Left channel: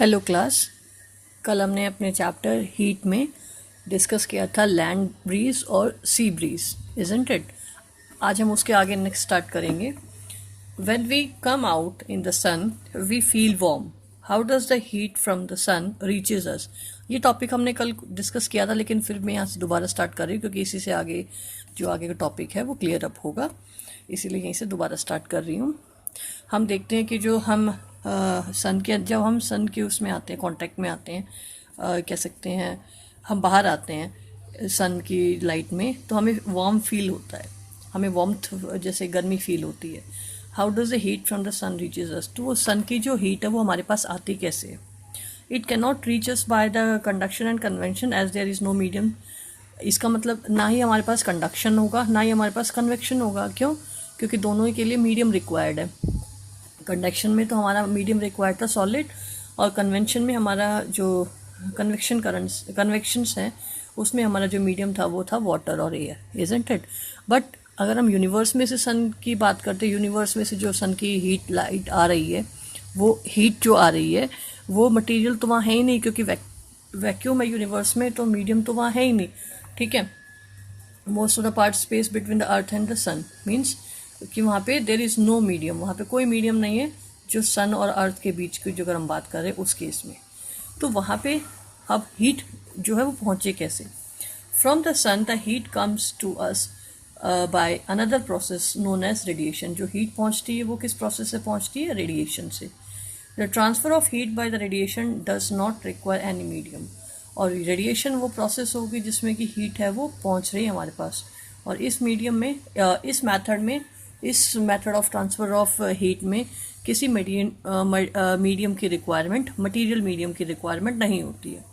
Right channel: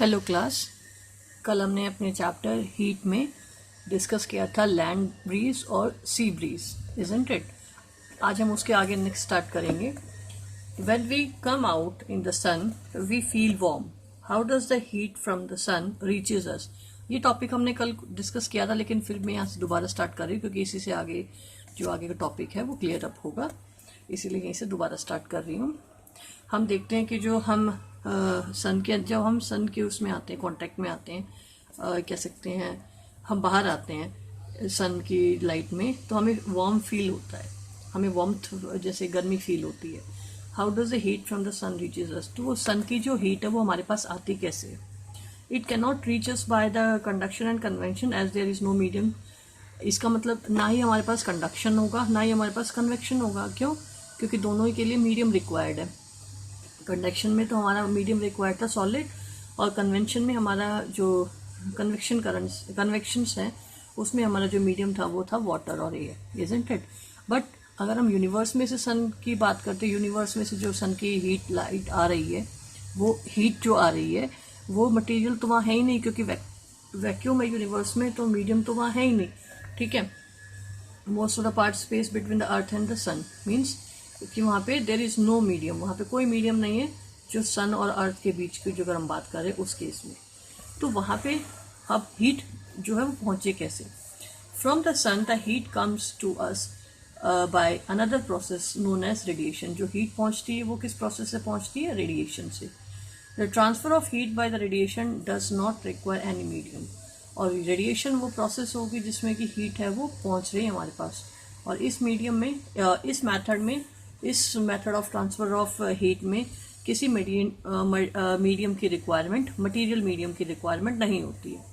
Hello class. कल हमने अपने चैप्टर हीट में डिस्कस किया था लैंड ब्रीज और सी ब्रीज, इजंट इट। आज हम उसके आगे नेक्स्ट स्टार्ट करेंगे। When we come out in the sun we feel warm. How does the heat from the sun reaches us. ये टॉपिक हमने कल डिस्कस किया था, लेकिन फिर मैं यहाँ से दोबारा स्टार्ट कर रही हूँ क्योंकि इसी से आगे जो आगे का टॉपिक है वो क्लियर अप होगा, इसीलिए यहीं से दोबारा स्टार्ट कर रही हूँ। हम देखते हैं कि जो हम सन के जब हम सन के उसमें आते हैं, कांटेक्ट में आते हैं, कह सकते हैं हम बाहर आते हैं सन की लाइट में, तो हमें वार्म फील होता है, हमें वार्मथ जैसे गर्मी फील होती है। How does the heat from the sun reaches us. तो वो सन की जो हीट है वो हमारे पास आती कैसे है। It can not reach us by the conduction and convention as there is no medium. इसका मतलब ना ही हमारे पास कंडक्शन होगा ना ही हमारे पास कन्वेक्शन होगा। क्यों? क्योंकि दोनों ही के लिए मीडियम रिक्वायर्ड है। कंडक्शन में तो हमारा मीडियम रिक्वायर्ड था सॉलिड, और कन्वेंशन में हमारा जो कन्वेक्शंस हैं उसमें हमारा जो मीडियम था वो था वाटर और एयर, इजंट इट। बट अगर हम यूनिवर्स में से सन की बात करते हैं, यूनिवर्स में से जो सन की हीट लाइट आ रही है, वो हीट जो आ रही है वो मटेरियल तो वहाँ है ही नहीं, क्योंकि वैक्यूम है यूनिवर्स में, तो मीडियम तो वहाँ है ही नहीं। ठीक है। Most of the part space between the earth and the sun means कि वहाँ पे देर इज़ नो मीडियम, वहाँ पे कोई मीडियम नहीं है जो सन और अर्थ के बीच की जो अगर हम बात करें उस केस में। तो वहाँ पे अब हीट जो है वो पहुँचे कैसे। From the sun the heat comes to us by another process known as radiation. जो हीट पहुँचती है वो किस प्रोसेस से पहुँचती है? रेडिएशन से। The transfer of heat by the radiation does not require any medium. और रेडिएशन वो प्रोसेस होगी जिसमें कि हीट है वो पहुँच रही है हमारे पास, और इस मीडियम में इस method of transfer of heat में किसी मीडियम की रिक्वायरमेंट, मटेरियल मीडियम की रिक्वायरमेंट नहीं होती है।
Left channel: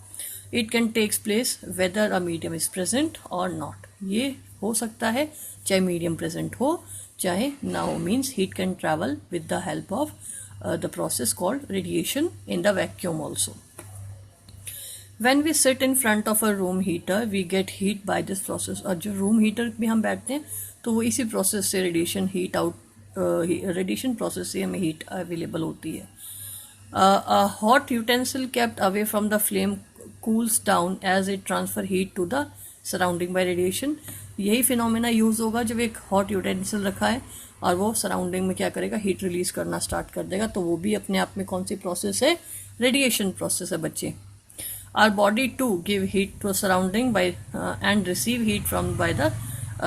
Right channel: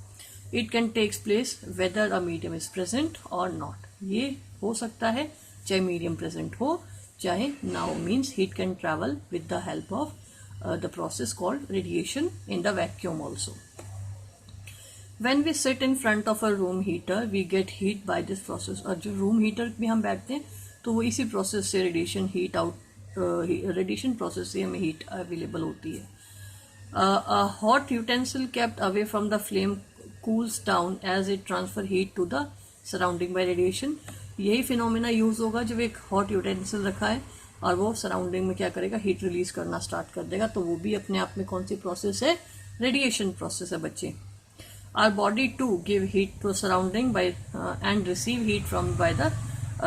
It can takes place whether a medium is present और नॉट। ये हो सकता है चाहे मीडियम प्रेजेंट हो चाहे ना हो। Means heat can travel with the help of the process called radiation in the vacuum also. When we sit in front of a room heater, we get heat by this process। और जो room heater में हम बैठते हैं तो वो इसी process से रेडिएशन प्रोसेस से हमें हीट अवेलेबल होती है। A hot utensil kept away from the flame cools down as it transfer heat to the surrounding by radiation। यही फिनोमेना यूज होगा जब एक हॉट यूटेंसिल रखा है और वो सराउंडिंग में क्या करेगा? हीट रिलीज करना स्टार्ट कर देगा। तो वो भी अपने आप में कौन सी प्रोसेस है? रेडिएशन प्रोसेस है बच्चे। Our body too give heat to surrounding by and receive heat from by the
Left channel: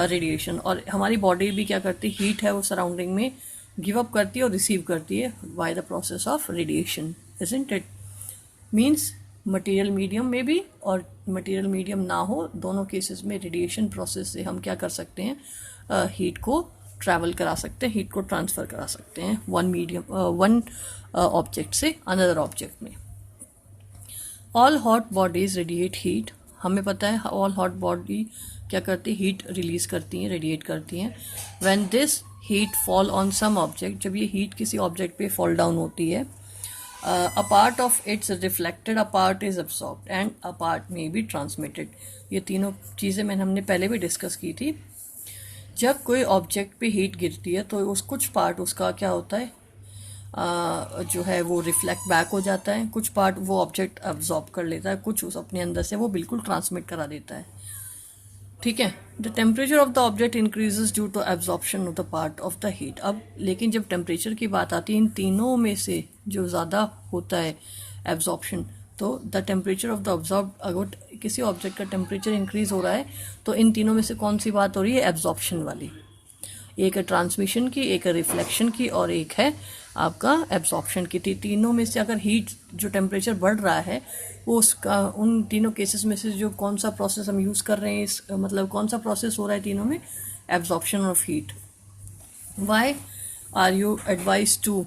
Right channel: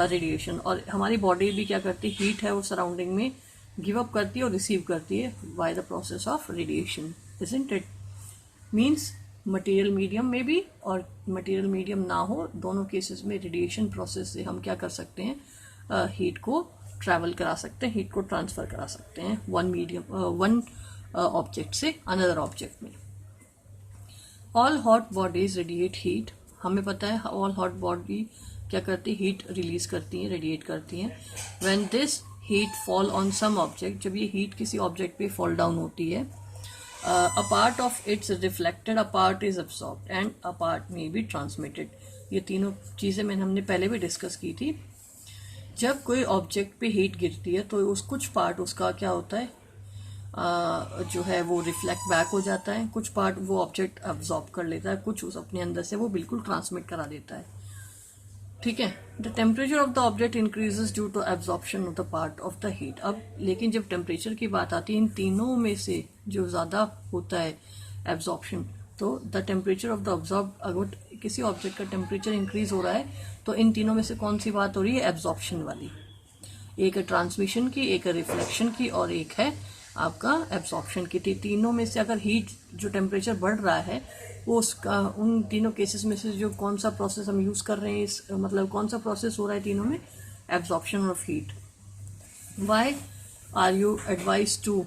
radiation। और हमारी बॉडी भी क्या करती है? हीट है वो सराउंडिंग में गिव अप करती है और रिसीव करती है by the process of radiation, isn't it? Means material medium में भी और मटेरियल मीडियम ना हो, दोनों केसेस में रेडिएशन प्रोसेस से हम क्या कर सकते हैं? हीट को ट्रैवल करा सकते हैं, हीट को ट्रांसफर करा सकते हैं वन ऑब्जेक्ट से अनदर ऑब्जेक्ट में। All hot bodies radiate heat. हमें पता है ऑल हॉट बॉडी क्या करती है? हीट रिलीज करती हैं, रेडिएट करती हैं। When this heat fall on some object, जब ये हीट किसी ऑब्जेक्ट पे फॉल डाउन होती है, a part of its reflected, a part is absorbed and a part may be transmitted. ये तीनों चीज़ें हमने पहले भी डिस्कस की थी। जब कोई ऑब्जेक्ट पे हीट गिरती है तो कुछ पार्ट उसका क्या होता है? जो है वो रिफ्लेक्ट बैक हो जाता है, कुछ पार्ट वो ऑब्जेक्ट अब्जॉर्ब कर लेता है, कुछ उस अपने अंदर से वो बिल्कुल ट्रांसमिट करा देता है। ठीक है। The temperature of the object increases due to absorption of the part of the heat. अब लेकिन जब टेम्परेचर की बात आती है, इन तीनों में से जो ज़्यादा होता है एब्जॉर्प्शन, तो the temperature of the absorb, अगर किसी ऑब्जेक्ट का टेम्परेचर इंक्रीज हो रहा है तो इन तीनों में से कौन सी बात हो रही है? एब्जॉर्प्शन वाली। एक है ट्रांसमिशन की, एक है रिफ्लेक्शन की, और एक है आपका एब्जॉर्प्शन की थी। तीनों में से अगर हीट जो टेम्परेचर बढ़ रहा है वो उसका उन तीनों केसेस में से जो कौन सा प्रोसेस हम यूज़ कर रहे हैं, मतलब कौन सा प्रोसेस हो रहा है तीनों में? Absorption of heat. Why are you advise to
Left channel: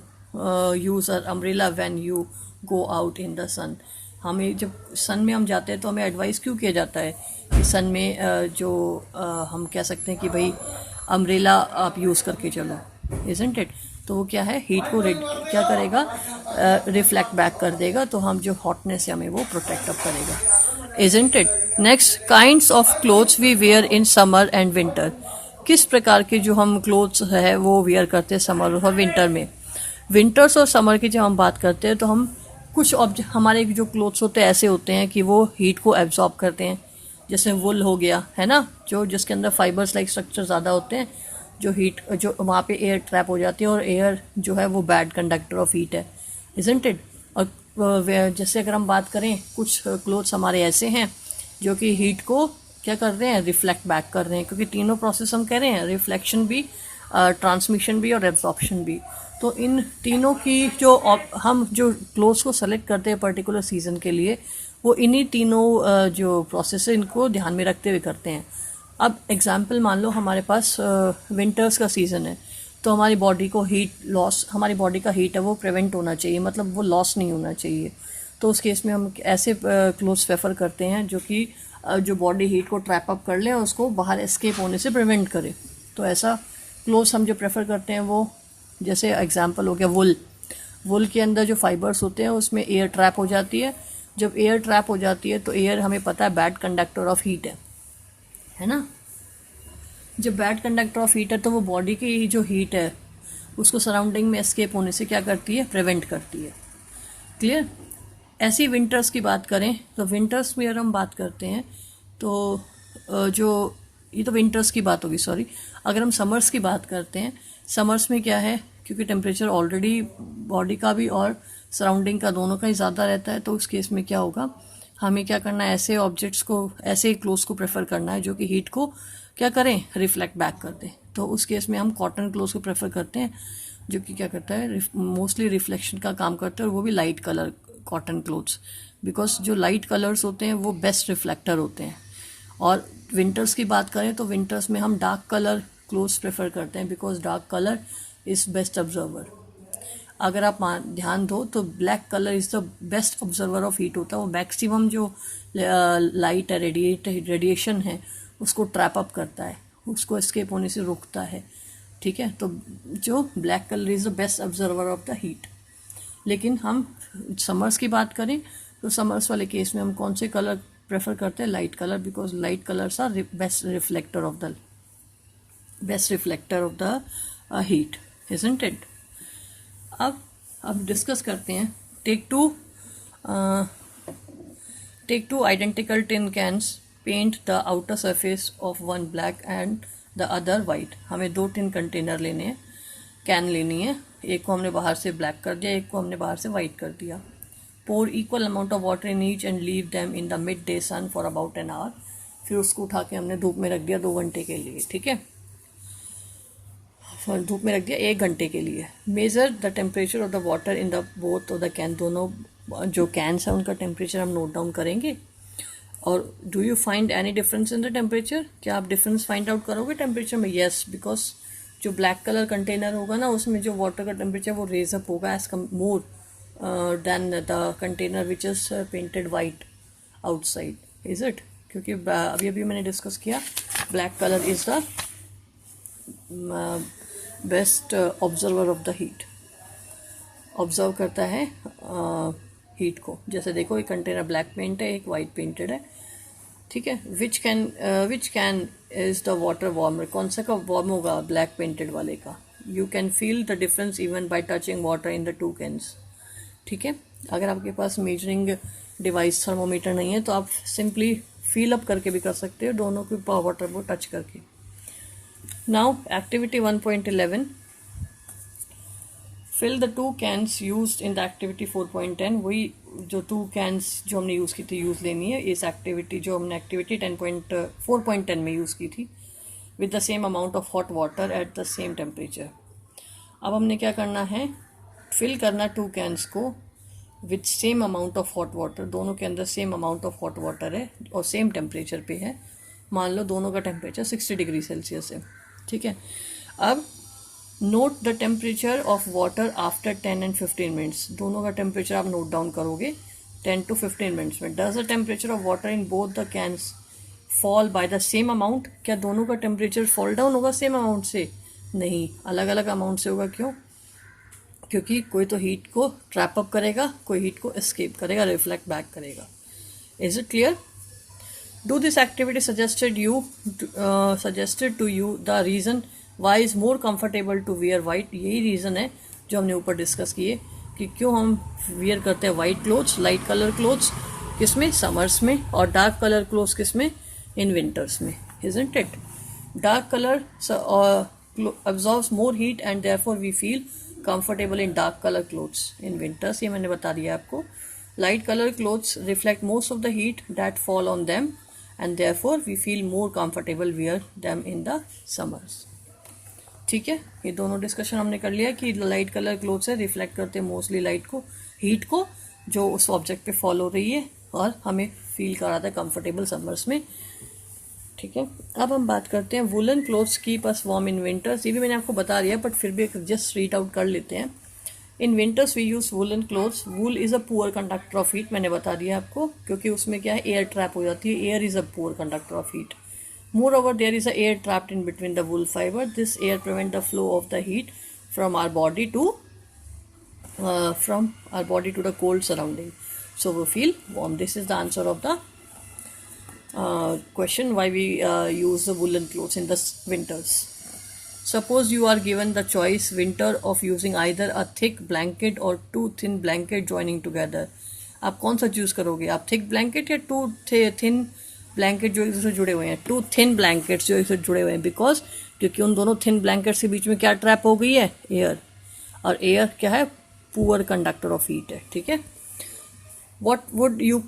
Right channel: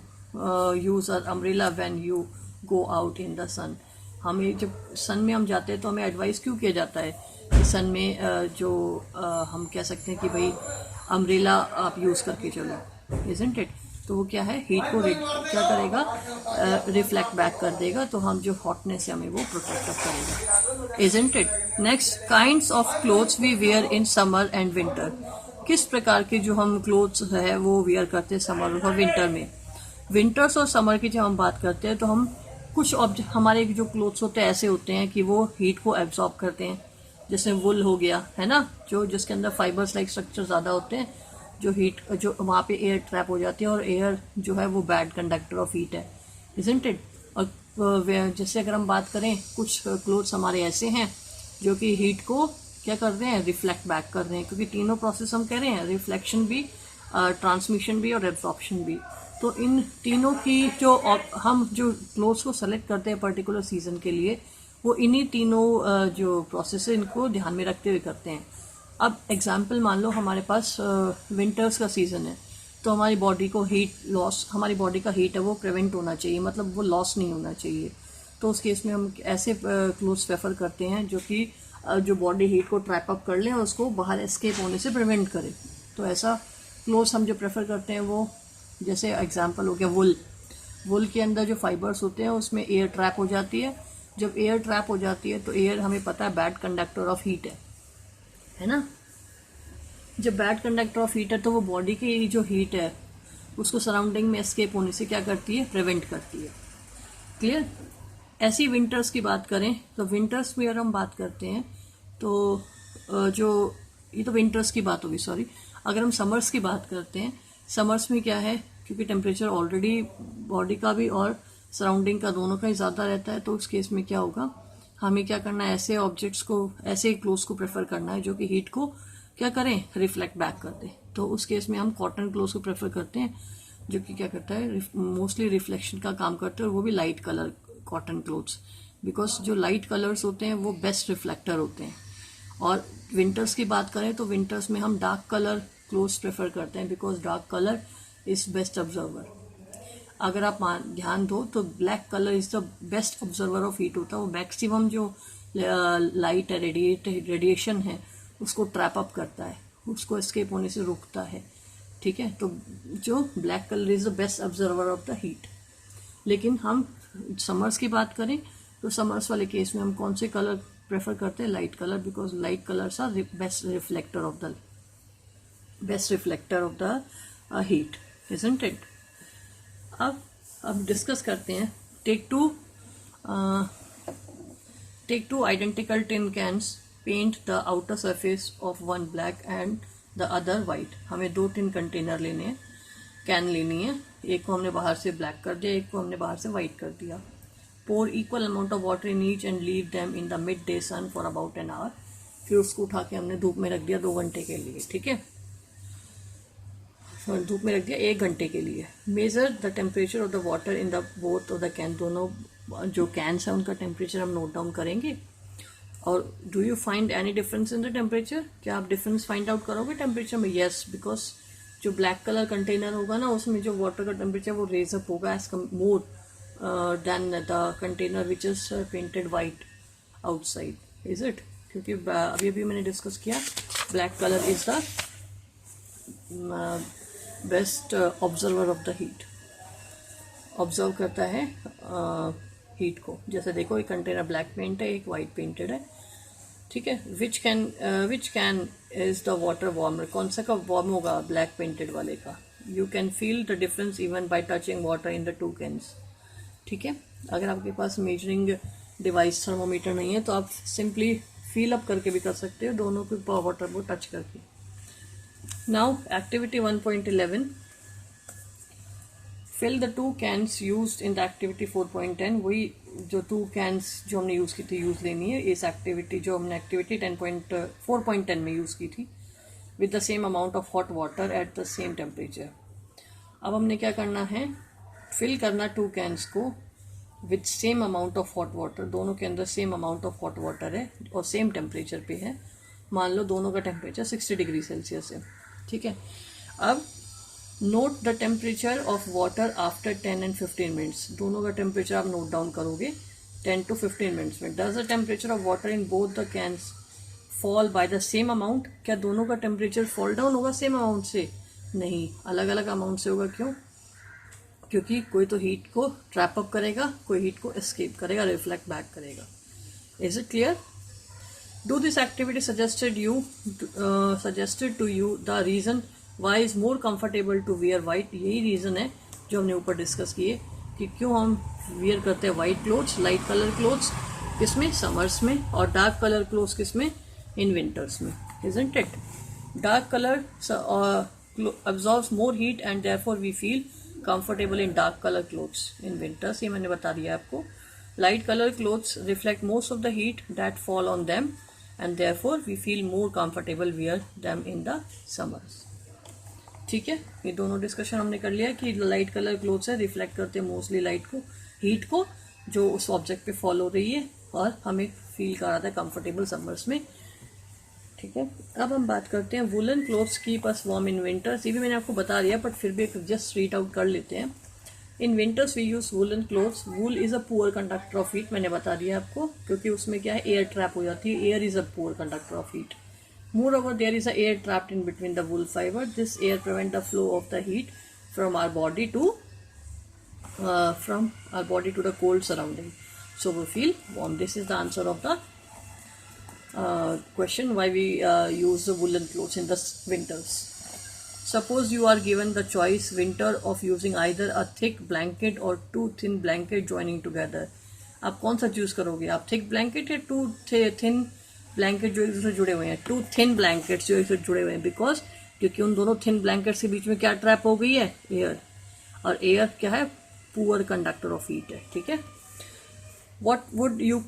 use a umbrella when you go out in the sun. हमें जब सन में हम जाते हैं तो हमें एडवाइस क्यों किया जाता है कि सन में हम कह सकते हैं कि भाई अम्ब्रेला आप यूज़ करके चलो, इजंट इट। तो वो क्या है? हीट को क्या करेगा? रिफ्लेक्ट बैक कर देगा, तो हम जो हॉटनेस है हमें वो प्रोटेक्ट अप करेगा, isn't it. Next, kinds of clothes we wear in summer and winter. किस प्रकार के जो हम क्लोथ्स है वो वेयर करते हैं समर और विंटर में। विंटर्स और समर की जब हम बात करते हैं तो हम कुछ ऑब्जेक्ट हमारे जो क्लोथ्स होते हैं ऐसे होते हैं कि वो हीट को एब्जॉर्ब करते हैं, जैसे वुल हो गया है ना, जो जिसके अंदर फाइबर्स लाइक स्ट्रक्चर ज़्यादा होते हैं, जो हीट जो वहाँ पे एयर ट्रैप हो जाती है, और एयर जो है वो बैड कंडक्टर ऑफ हीट है, इजंट इट। और जैसे अगर हम बात करें, कुछ क्लोथ्स हमारे ऐसे हैं जो कि हीट को क्या कर रहे हैं, रिफ्लेक्ट बैक कर रहे हैं, क्योंकि तीनों प्रोसेस हम कह रहे हैं, रिफ्लेक्शन भी, ट्रांसमिशन भी और एब्जॉर्प्शन भी। तो इन तीनों की जो हम जो क्लोथ्स को सेलेक्ट करते हैं पर्टिकुलर सीजन के लिए, वो इन्हीं तीनों जो प्रोसेस है इनको ध्यान में रखते हुए करते हैं। अब एग्जाम्पल मान लो हमारे पास विंटर्स का सीज़न है, तो हमारी बॉडी को हीट लॉस, हमारी बॉडी का हीट है वो प्रिवेंट होना चाहिए, मतलब वो लॉस नहीं होना चाहिए। तो उस केस में हम ऐसे क्लोथ्स प्रेफर करते हैं जो कि जो बॉडी हीट को ट्रैप अप कर ले और उसको बाहर एस्केप होने से प्रिवेंट करे। तो ऐसा क्लोथ्स हम जो प्रेफर करते हैं वो, जैसे एग्जांपल हो गया वुल। वुल के अंदर जो फाइबर्स होते हैं उसमें एयर ट्रैप हो जाती है। जब एयर ट्रैप हो जाती है तो एयर हमें पता है बैड कंडक्टर ऑफ हीट है ना। जब बैड कंडक्टर ऑफ हीट है तो वो बॉडी की जो हीट है उसको सराउंडिंग में एस्केप होने से क्या करती है, प्रिवेंट करती है। क्लियर। ऐसी विंटर्स की बात करें तो विंटर्स में अगर हम बात करते हैं तो जो ये तो विंटर्स की बात होगी, सॉरी। अगर हम समर्स की बात करते हैं, समर्स में क्या है, क्योंकि टेम्परेचर ऑलरेडी बॉडी का भी और सराउंडिंग का दोनों का ही ज़्यादा रहता है, तो उस केस में क्या होगा, हमें क्या करना है, ऐसे ऑब्जेक्ट्स को, ऐसे क्लोथ्स को प्रेफर करना है जो कि हीट को क्या करें, रिफ्लेक्ट बैक कर दें। तो उस केस में हम कॉटन क्लोथ्स को प्रेफर करते हैं जो कि क्या करता है, मोस्टली रिफ्लेक्शन का काम करता है, और वो भी light colour cotton clothes, because जो लाइट कलर्स होते हैं वो बेस्ट रिफ्लेक्टर होते हैं। और विंटर्स की बात करें तो विंटर्स में हम डार्क कलर क्लोथ्स प्रेफर करते हैं, because dark colour is best observer. अगर आप ध्यान दो तो black colour is the best observer of heat होता है, वो मैक्सिमम जो लाइट है, रेडिएशन है, उसको ट्रैप अप करता है, उसको एस्केप होने से रोकता है। ठीक है, तो जो black colour is the best observer of the heat. लेकिन हम समर्स की बात करें तो समर्स वाले केस में हम कौन से कलर प्रेफर करते हैं, light colour, because light colours are best reflector of the heat, isn't it. अब डिस्कस करते हैं, take two identical tin cans, paint the outer surface of one black and the other white. हमें 2 tin container लेने हैं, can लेनी है, एक को हमने बाहर से ब्लैक कर दिया, एक को हमने बाहर से वाइट कर दिया। Pour equal amount of water in each and leave them in the mid day sun for about an hour. फिर उसको उठा के हमने धूप में रख दिया 2 घंटे के लिए, ठीक है, धूप में रख दिया 1 घंटे के लिए। Measure the temperature of the water in the both of the can, दोनों जो कैंस है उनका टेम्परेचर हम नोट डाउन करेंगे। और do you find any difference in the temperature, क्या आप डिफरेंस फाइंड आउट करोगे टेम्परेचर में? यस, बिकॉज जो ब्लैक कलर कंटेनर होगा ना उसमें जो वाटर का टेम्परेचर वो रेज अप होगा as more than the container which is painted white outside, is it? क्योंकि अभी अभी मैंने डिस्कस किया black colour is the best observer of the heat, observe करता है हीट को। जैसे देखो एक कंटेनर ब्लैक पेंट है, एक वाइट पेंटेड है, ठीक है। Which can is the water warmer, कौन सा का वार्म होगा, ब्लैक पेंटेड वाले का। You can feel the difference even bye touching water in the 2 cans, ठीक है। अगर आपके पास मेजरिंग डिवाइस थर्मोमीटर नहीं है तो आप सिंपली फील अप करके भी कर सकते हो, दोनों के वाटर को टच करके। Now activity 1.11, fill the 2 cans used in the activity 4.10। वही जो 2 कैंस जो हमने यूज़ की थी यूज़ लेनी है इस एक्टिविटी, जो हमने एक्टिविटी 4.10 में यूज़ की थी, with the same amount of hot water at the same temperature. अब हमने क्या करना है, फिल करना 2 कैंस को with same amount of hot water, दोनों के अंदर same amount of hot water है और सेम टेम्परेचर पे है। मान लो दोनों का टेम्परेचर 60 डिग्री सेल्सियस है, ठीक है। अब note the temperature of water after 10 and 15 minutes, दोनों का टेम्परेचर आप नोट डाउन करोगे 10 to 15 मिनट्स में। Does the temperature of water in both the cans fall by the same amount, क्या दोनों का टेम्परेचर फॉल डाउन होगा सेम अमाउंट से? नहीं, अलग अलग अमाउंट से होगा। क्यों? क्योंकि कोई तो हीट को ट्रैप अप करेगा, कोई हीट को एस्केप करेगा, रिफ्लेक्ट बैक करेगा। Is it clear? Do this activity suggested to you the reason why is more comfortable to wear white। यही रीज़न है जो हमने ऊपर डिस्कस किए कि क्यों हम वियर करते हैं white clothes, light colour clothes किसमें, समर्स में, और डार्क कलर क्लोथ्स किसमें, इन विंटर्स में, isn't it? Dark color absorbs more heat and therefore we feel comfortable in dark color clothes in winters. ये मैंने बता दिया आपको. Light color clothes reflect most of the heat that fall on them and therefore we feel more comfortable wear them in the summers. ठीक है, ये दोनों discussion हमने कर लिया कि लाइट कलर क्लोथ्स है रिफ्लेक्ट करते हैं मोस्टली लाइट को, हीट को जो उस ऑब्जेक्ट पे फॉल हो रही है और हमें फील कराता है कंफर्टेबल समर्स में. ठीक है, अब हम बात करते हैं woollen clothes keep us warm in winters. ये भी मैंने आपको बता दिया बट फिर भी जस्ट रीड आउट कर लेते हैं. In winters we use woollen clothes. Wool is a poor conductor of heat, मैंने बता दिया आपको, क्योंकि उसमें क्या है, एयर ट्रैप हो जाती है. Air is a poor conductor of heat. Moreover, there is a air trapped in between the wool fiber. This air prevents the flow of the heat from our body to the cold surrounding. So we feel warm. This is the answer of the question why we use the woolen clothes in the winters. Suppose you are given the choice winter of using either a thick blanket or two thin blanket joining together. आप कौन सा choose करोगे? आप thick blanket या to thin blanket जो एक दूसरे जुड़े हुए हैं? टू थिन ब्लैंकेट्स जो एक दूसरे जुड़े हुए हैं, बिकॉज क्योंकि उन दोनों थिन ब्लैंकेट्स के बीच में क्या ट्रैप हो गई है, एयर. और एयर क्या है, पुअर कंडक्टर ऑफ हीट है. ठीक है, what would you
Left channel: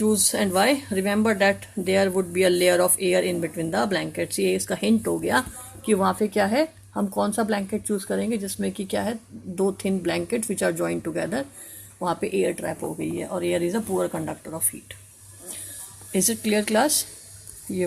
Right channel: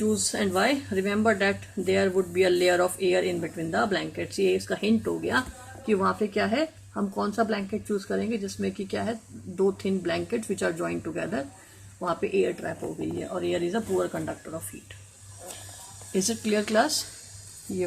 choose and why? Remember that there would be a layer of air in between the blankets. ये इसका हिंट हो गया कि वहाँ पे क्या है, हम कौन सा ब्लैंकेट चूज करेंगे जिसमें कि क्या है, दो thin blankets which are joined together, वहाँ पे एयर ट्रैप हो गई है और air is a poor conductor of heat. Is it clear class?